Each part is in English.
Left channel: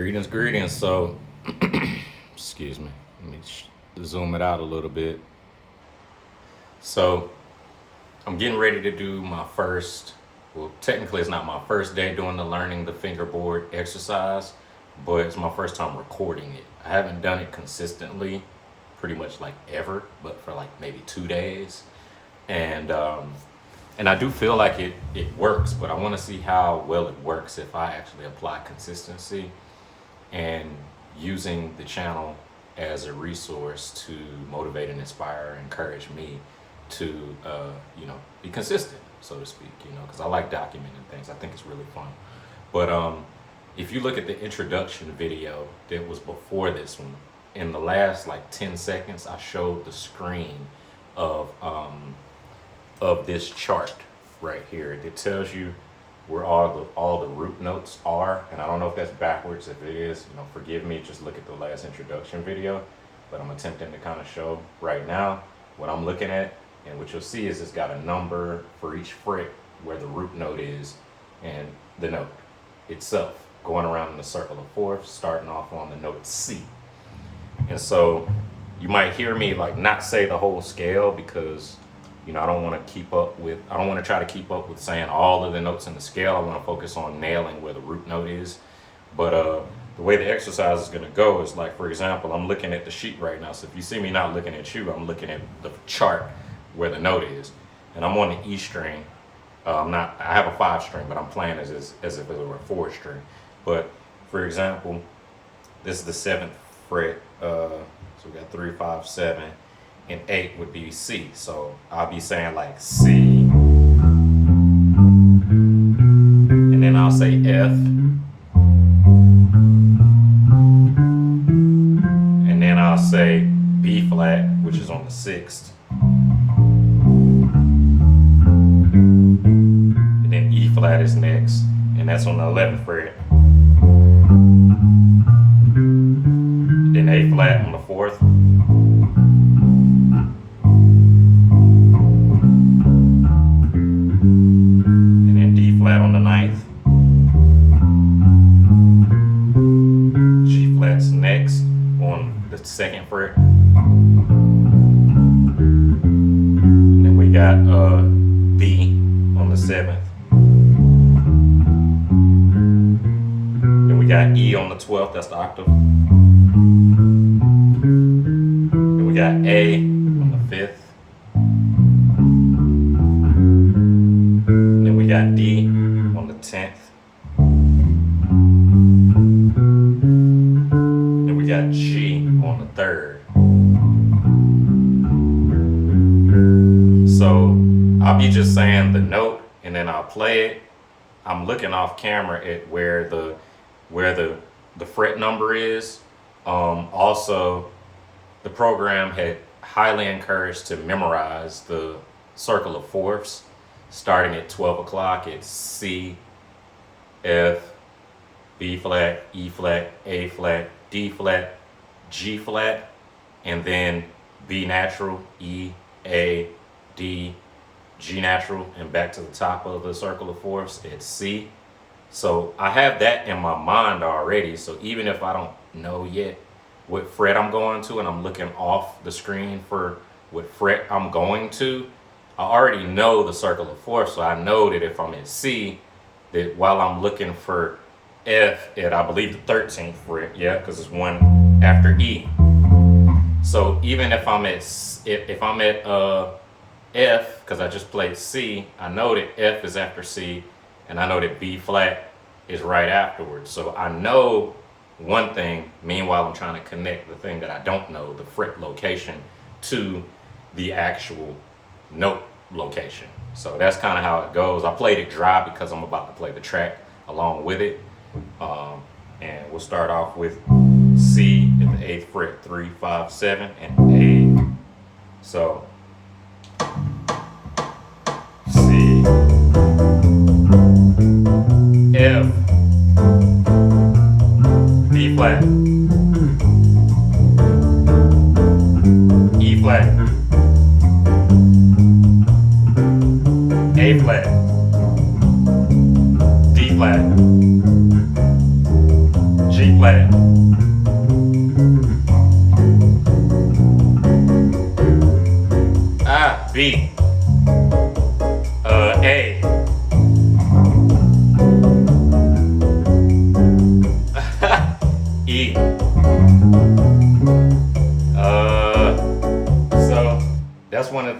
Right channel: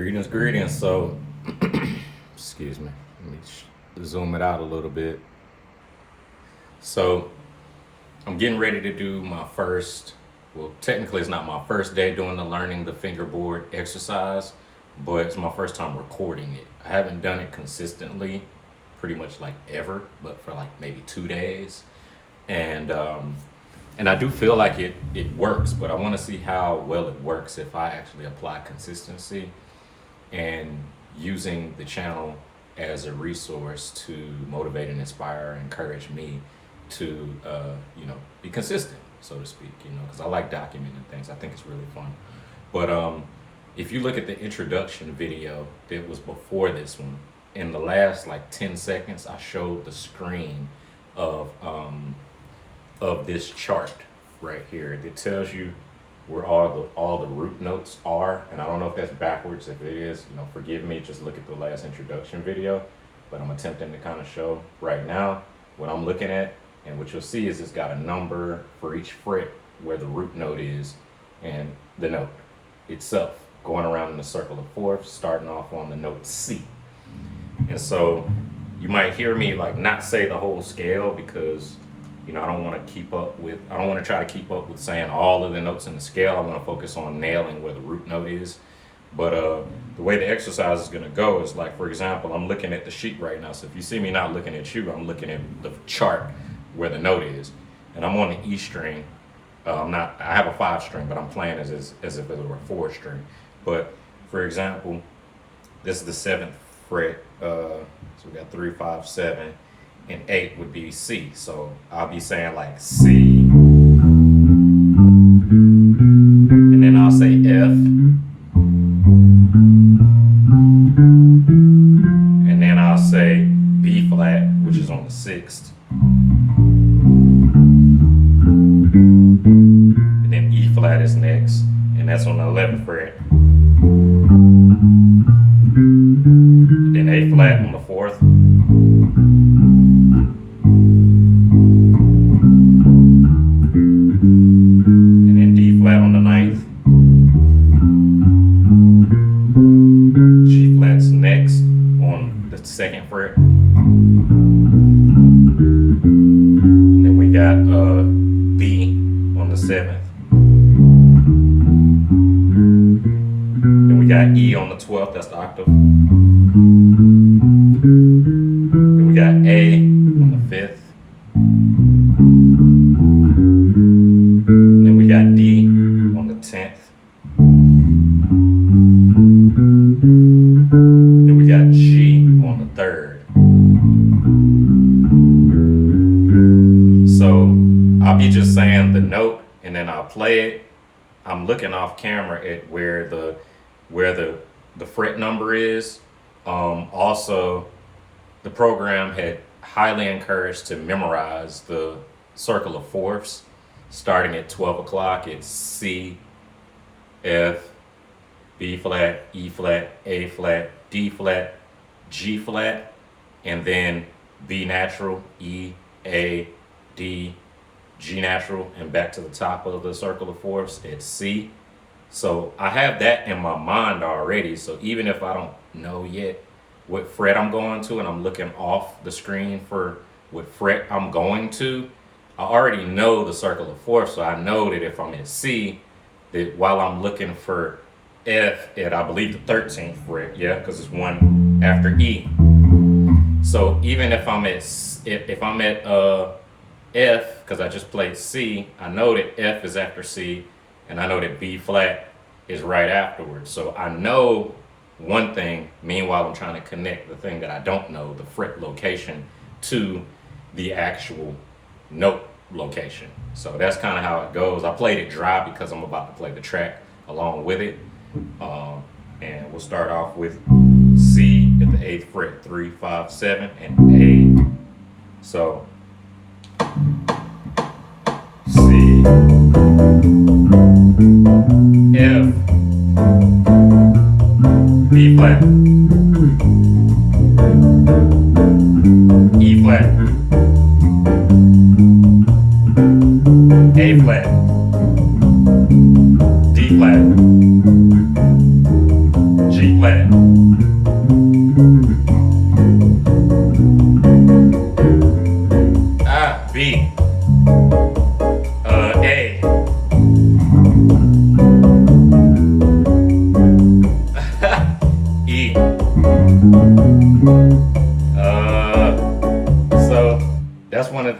Greetings. So, excuse me. Let me zoom it out a little bit. So, I'm getting ready to do my first, well, technically it's not my first day doing the fingerboard exercise, but it's my first time recording it. I haven't done it consistently, pretty much like ever, but for like maybe 2 days. And I do feel like it works, but I want to see how well it works if I actually apply consistency and using the channel as a resource to motivate and inspire and encourage me to be consistent, so to speak, because I like documenting things. I think it's really fun. But if you look at the introduction video that was before this one, in the last like 10 seconds I showed the screen of this chart right here that tells you where all the root notes are. And I don't know if that's backwards. If it is, forgive me, just look at the last introduction video. But I'm attempting to kind of show right now what I'm looking at. And what you'll see is it's got a number for each fret where the root note is and the note itself, going around in a circle of fourths, starting off on the note C. And so you might hear me like not say the whole scale because I don't want to try to keep up with saying all of the notes in the scale. I want to focus on nailing where the root note is. But the way the exercise is going to go is like, for example, I'm looking at the sheet right now. So if you see me not looking at you, I'm looking at the chart where the note is. And I'm on the E string. I have a 5 string, but I'm playing as if it were a 4 string. But for example, this is the 7th fret. So we got 3, 5, 7. And 8 would be C. So I'll be saying like C. And then I'll say F. And then I'll say B flat, which is on the 6th. And then E flat is next. And that's on the 11th fret. And then A flat on the 4th. Second fret. Then we got B on the 7th. Then we got E on the 12th, that's the octave. Then we got A on the 5th. Then we got D on the 10th. Then we got G on the 3rd. So I'll be just saying the note and then I'll play it. I'm looking off camera at where the fret number is. Also, the program had highly encouraged to memorize the circle of fourths. Starting at 12 o'clock, it's C, F, B flat, E flat, A flat, D flat, G flat, and then B natural, E, A, D, G natural, and back to the top of the circle of fourths, it's C. So I have that in my mind already. So even if I don't know yet what fret I'm going to, and I'm looking off the screen for what fret I'm going to, I already know the circle of fourths. So I know that if I'm at C, that while I'm looking for F at, I believe, the 13th fret, yeah, because it's one after E. So even if I'm at F, because I just played C, I know that F is after C, and I know that B flat is right afterwards. So I know one thing. Meanwhile, I'm trying to connect the thing that I don't know, the fret location, to the actual note location. So that's kind of how it goes. I played it dry because I'm about to play the track along with it. And we'll start off with C at the 8th fret, 3, 5, 7, and A. So C, F, B flat, E flat, A flat, D flat, G flat,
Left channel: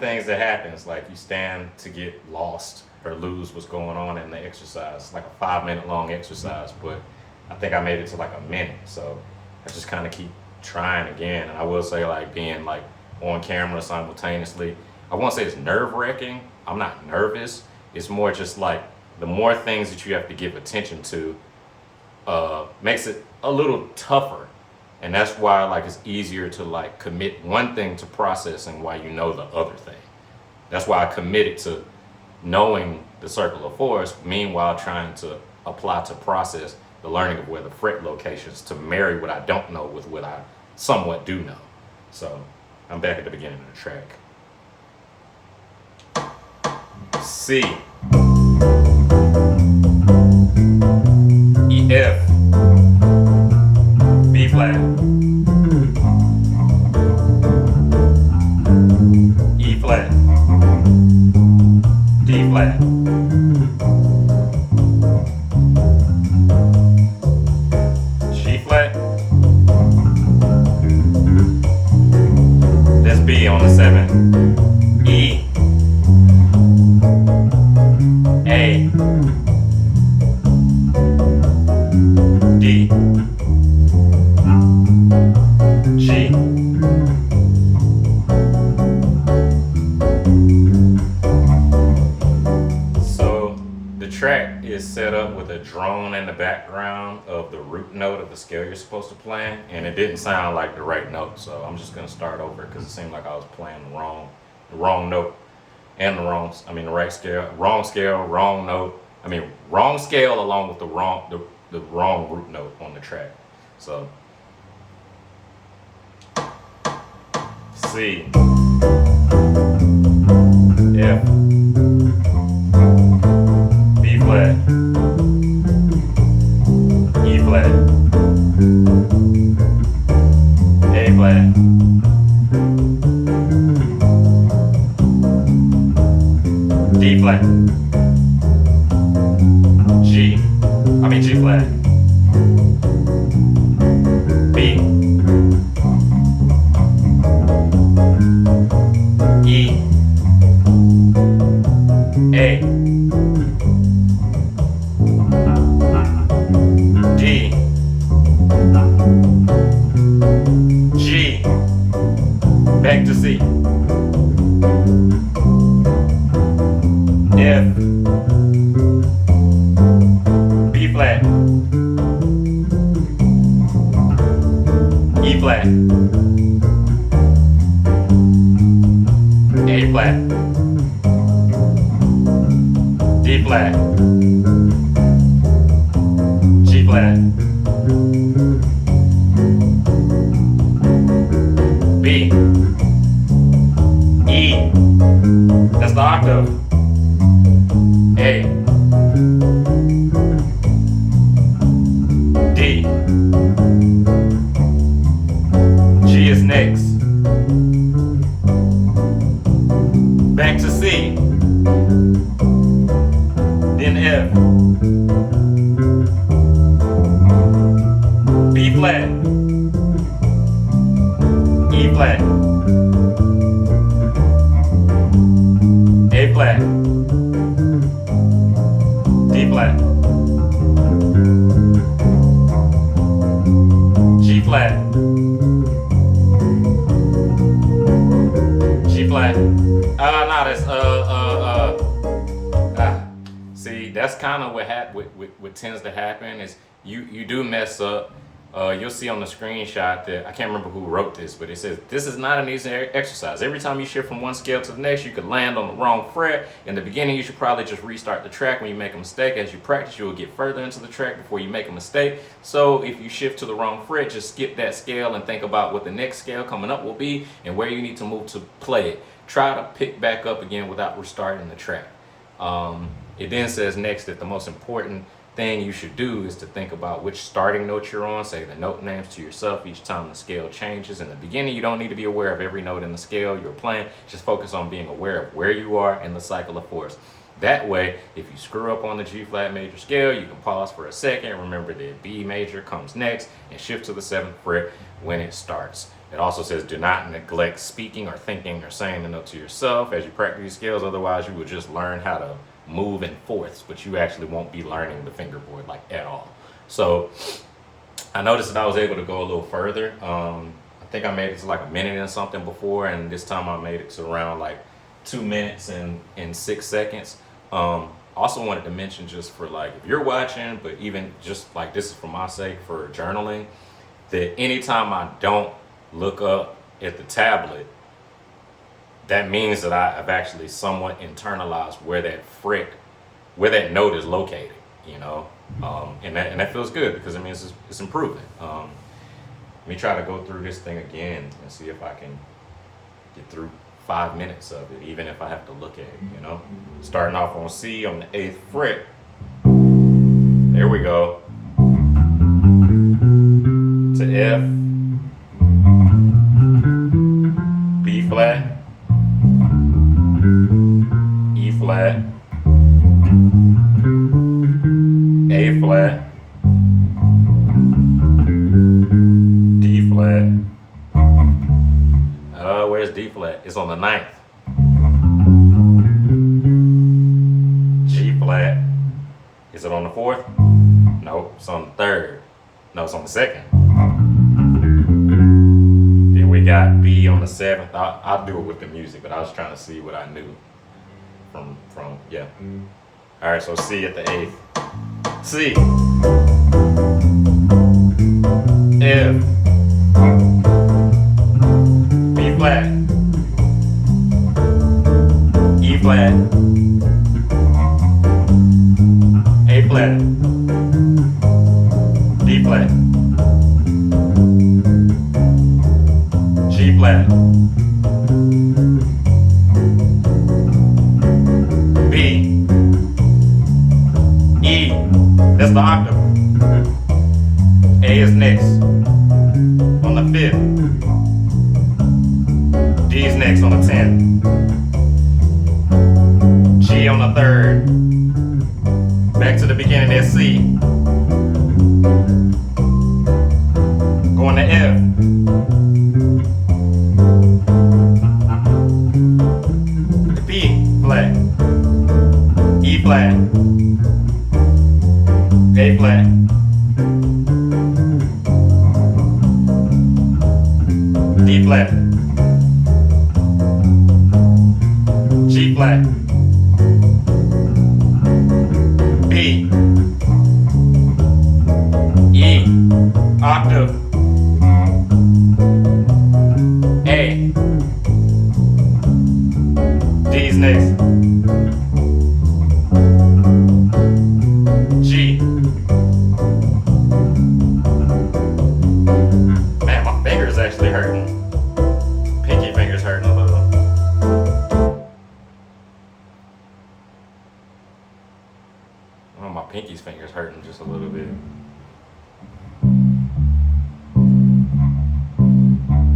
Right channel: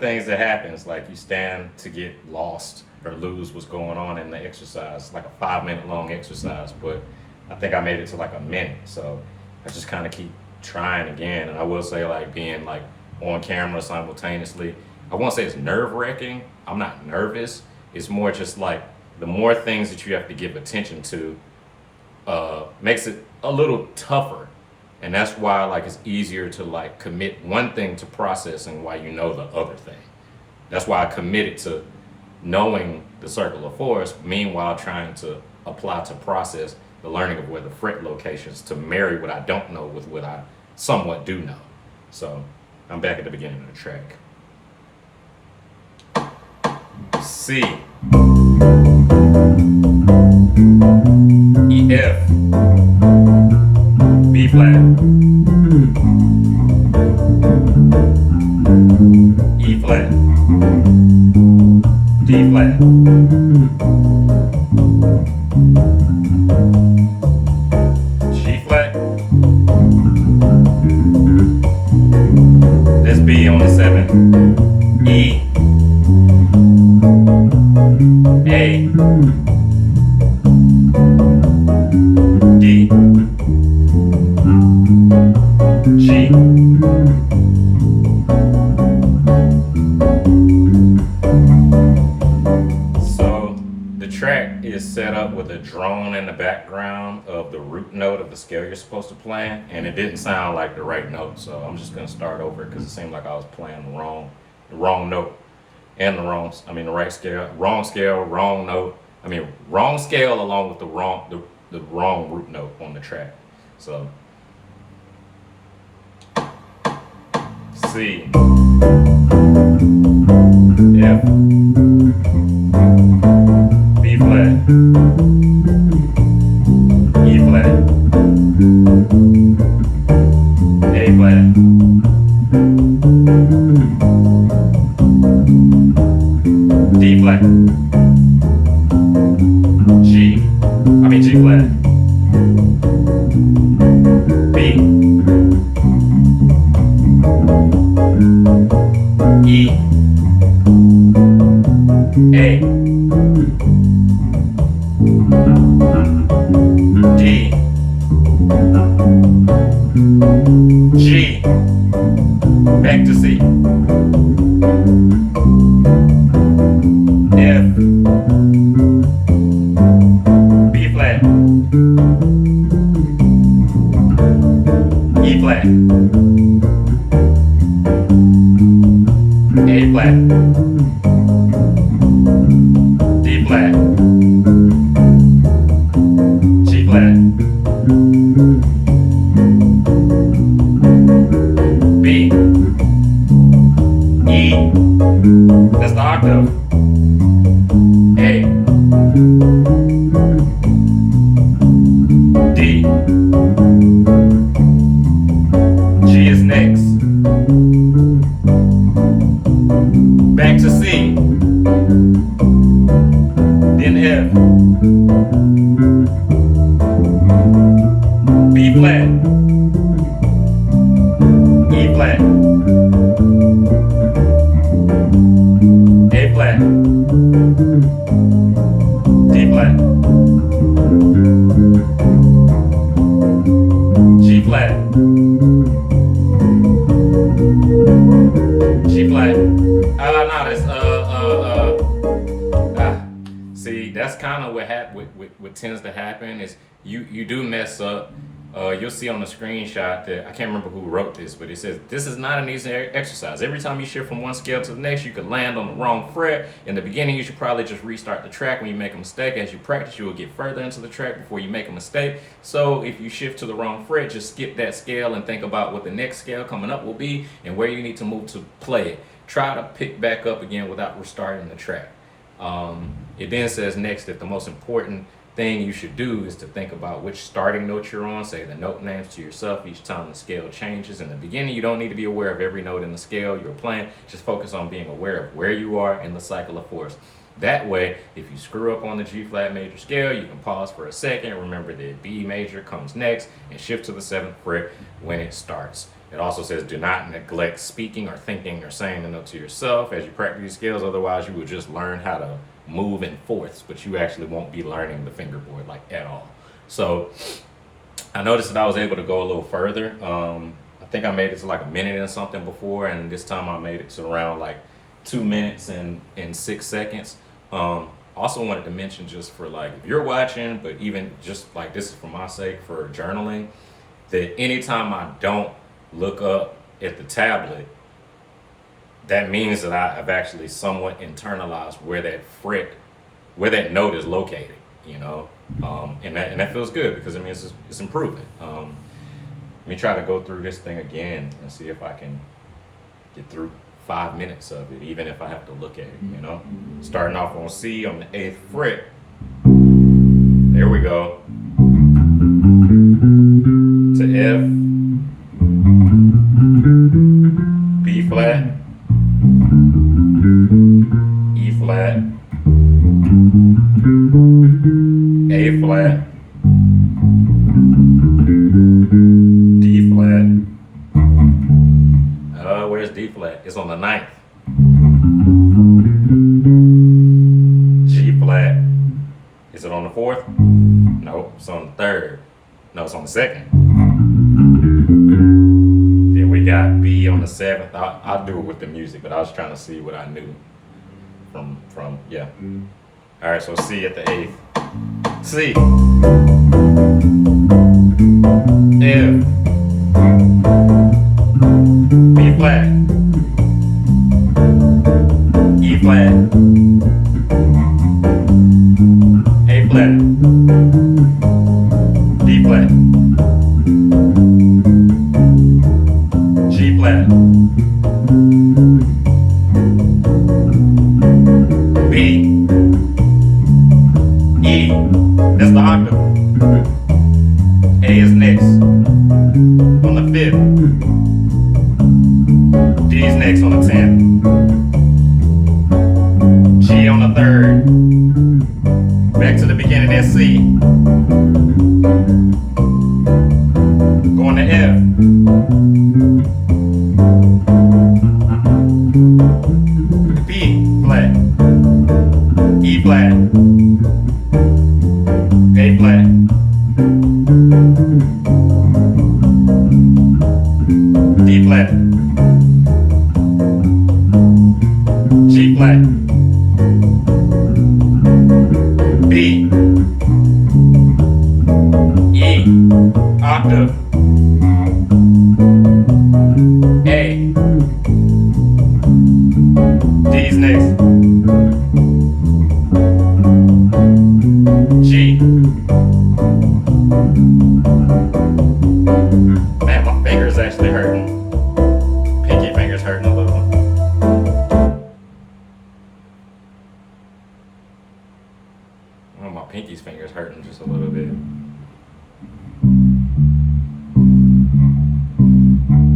things that happens, like you stand to get lost or lose what's going on in the exercise. It's like a 5 minute long exercise, but I think I made it to like a minute. So I just kind of keep trying again. And I will say, like, being like on camera simultaneously, I won't say it's nerve wracking. I'm not nervous. It's more just like the more things that you have to give attention to makes it a little tougher. And that's why, like, it's easier to like commit one thing to processing while you know the other thing. That's why I committed to knowing the circle of fours, meanwhile trying to apply to process the learning of where the fret locations to marry what I don't know with what I somewhat do know. So I'm back at the beginning of the track. C, E, F, B flat, E flat, D flat, G flat. That's B on the 7. E, A, D, G, so the track is set up with a drone in the background of the root note of the scale you're supposed to play, and it didn't sound like the right note, so I'm just gonna start over because it seemed like I was playing the wrong note and the right scale, wrong note. Wrong scale along with the wrong root note on the track. So C, F, B flat, E flat, A flat, D flat, G flat, B, E, A, D, G, back to C, F, B flat, E flat, A flat, D flat, G flat, B, E, that's the octave, A, D, G is next, back to C, then F, B flat, E flat, A flat, D flat, G flat, G flat. No, that's See, that's kind of what tends to happen is you do mess up. You'll see on the screenshot that I can't remember who wrote this, but it says this is not an easy exercise. Every time you shift from one scale to the next, you could land on the wrong fret. In the beginning, you should probably just restart the track when you make a mistake. As you practice, you will get further into the track before you make a mistake. So if you shift to the wrong fret, just skip that scale and think about what the next scale coming up will be and where you need to move to play it. Try to pick back up again without restarting the track. It then says next that the most important thing you should do is to think about which starting note you're on. Say the note names to yourself each time the scale changes. In the beginning, you don't need to be aware of every note in the scale you're playing. Just focus on being aware of where you are in the cycle of fours. That way, if you screw up on the G flat major scale, you can pause for a second. Remember that B major comes next and shift to the 7th fret when it starts. It also says do not neglect speaking or thinking or saying the note to yourself as you practice these scales. Otherwise, you would just learn how to move in fourths, but you actually won't be learning the fingerboard like at all. So I noticed that I was able to go a little further. I think I made it to like a minute and something before, and this time I made it to around like 2 minutes and 6 seconds. Also wanted to mention, just for like if you're watching, but even just like this is for my sake for journaling, that anytime I don't look up at the tablet, that means that I've actually somewhat internalized where that note is located, you know, and that feels good because it means it's improving. Let me try to go through this thing again and see if I can get through 5 minutes of it, even if I have to look at it, you know. Starting off on C on the 8th fret. There we go. To F, B flat, E flat, A flat, D flat. Where's D flat? It's on the 9th. G flat. Is it on the 4th? No, it's on the 3rd. No, it's on the 2nd. Then we got B on the 7th. I'll do it with the music, but I was trying to see what I knew from yeah. All right, so C at the 8th. C, F, B flat, E flat, A flat, D flat, G flat, B, E, that's the octave. A is next on the 5th. D is next on the 10th. G on the 3rd. Back to the beginning, there's C. Going to F. B flat. E flat. A flat. D flat. G flat. B. E. Octave. A. D's next. G. Man, my finger's actually hurting. Pinky finger's hurting a little. Oh, my pinky's finger's hurting just a little bit.